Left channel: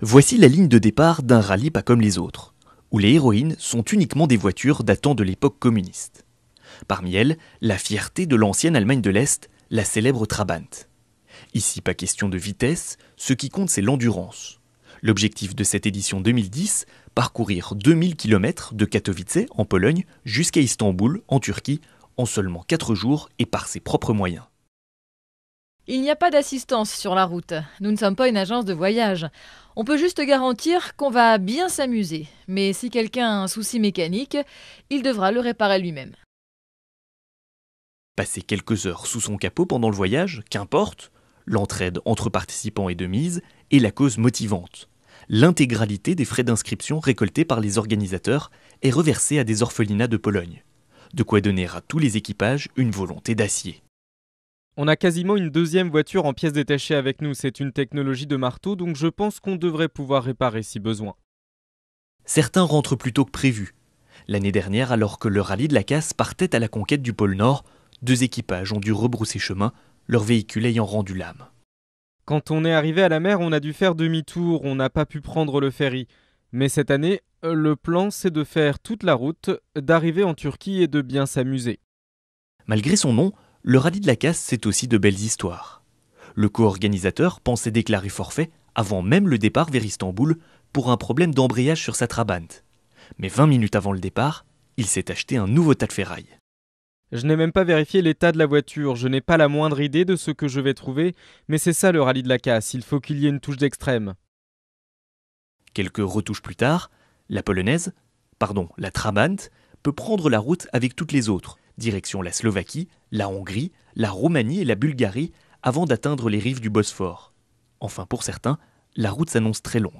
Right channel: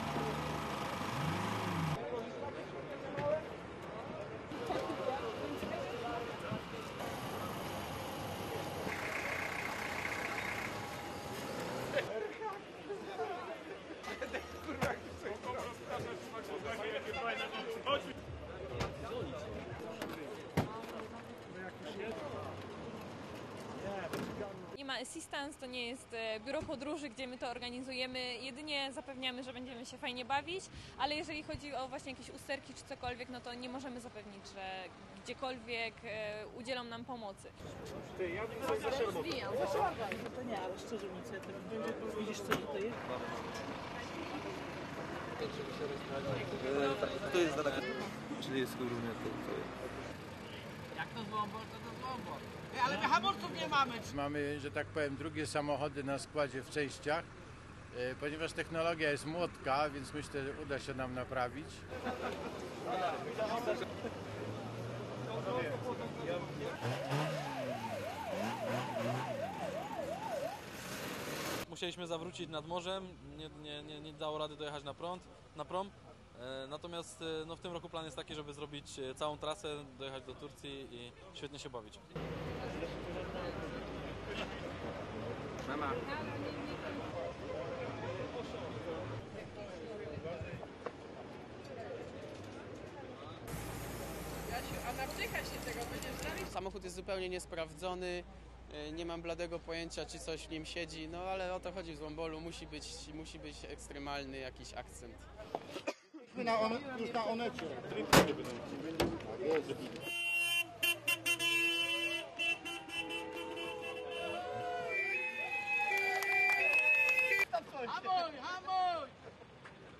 Voici la ligne de départ d'un rallye pas comme les autres, où les héroïnes sont uniquement des voitures datant de l'époque communiste. Parmi elles, la fierté de l'ancienne Allemagne de l'Est, la célèbre Trabant. Ici, pas question de vitesse, ce qui compte c'est l'endurance. L'objectif de cette édition 2010, parcourir 2000 km de Katowice, en Pologne, jusqu'à Istanbul, en Turquie, en seulement 4 jours et par ses propres moyens. Il n'y a pas d'assistance sur la route. Nous ne sommes pas une agence de voyage. On peut juste garantir qu'on va bien s'amuser. Mais si quelqu'un a un souci mécanique, il devra le réparer lui-même. Passer quelques heures sous son capot pendant le voyage, qu'importe, l'entraide entre participants est de mise et la cause motivante. L'intégralité des frais d'inscription récoltés par les organisateurs est reversée à des orphelinats de Pologne. De quoi donner à tous les équipages une volonté d'acier. On a quasiment une deuxième voiture en pièces détachées avec nous. C'est une technologie de marteau, donc je pense qu'on devrait pouvoir réparer si besoin. Certains rentrent plus tôt que prévu. L'année dernière, alors que le rallye de la Casse partait à la conquête du pôle Nord, 2 équipages ont dû rebrousser chemin, leur véhicule ayant rendu l'âme. Quand on est arrivé à la mer, on a dû faire demi-tour, on n'a pas pu prendre le ferry. Mais cette année, le plan c'est de faire toute la route, d'arriver en Turquie et de bien s'amuser. Malgré son nom, le rallye de la Casse, c'est aussi de belles histoires. Le co-organisateur pensait déclarer forfait avant même le départ vers Istanbul pour un problème d'embrayage sur sa Trabant. Mais 20 minutes avant le départ, il s'est acheté un nouveau tas de ferraille. Je n'ai même pas vérifié l'état de la voiture, je n'ai pas la moindre idée de ce que je vais trouver, mais c'est ça le rallye de la Casse, il faut qu'il y ait une touche d'extrême. Quelques retouches plus tard, la Trabant, peut prendre la route avec toutes les autres, direction la Slovaquie, la Hongrie, la Roumanie et la Bulgarie, avant d'atteindre les rives du Bosphore. Enfin pour certains, la route s'annonce très longue.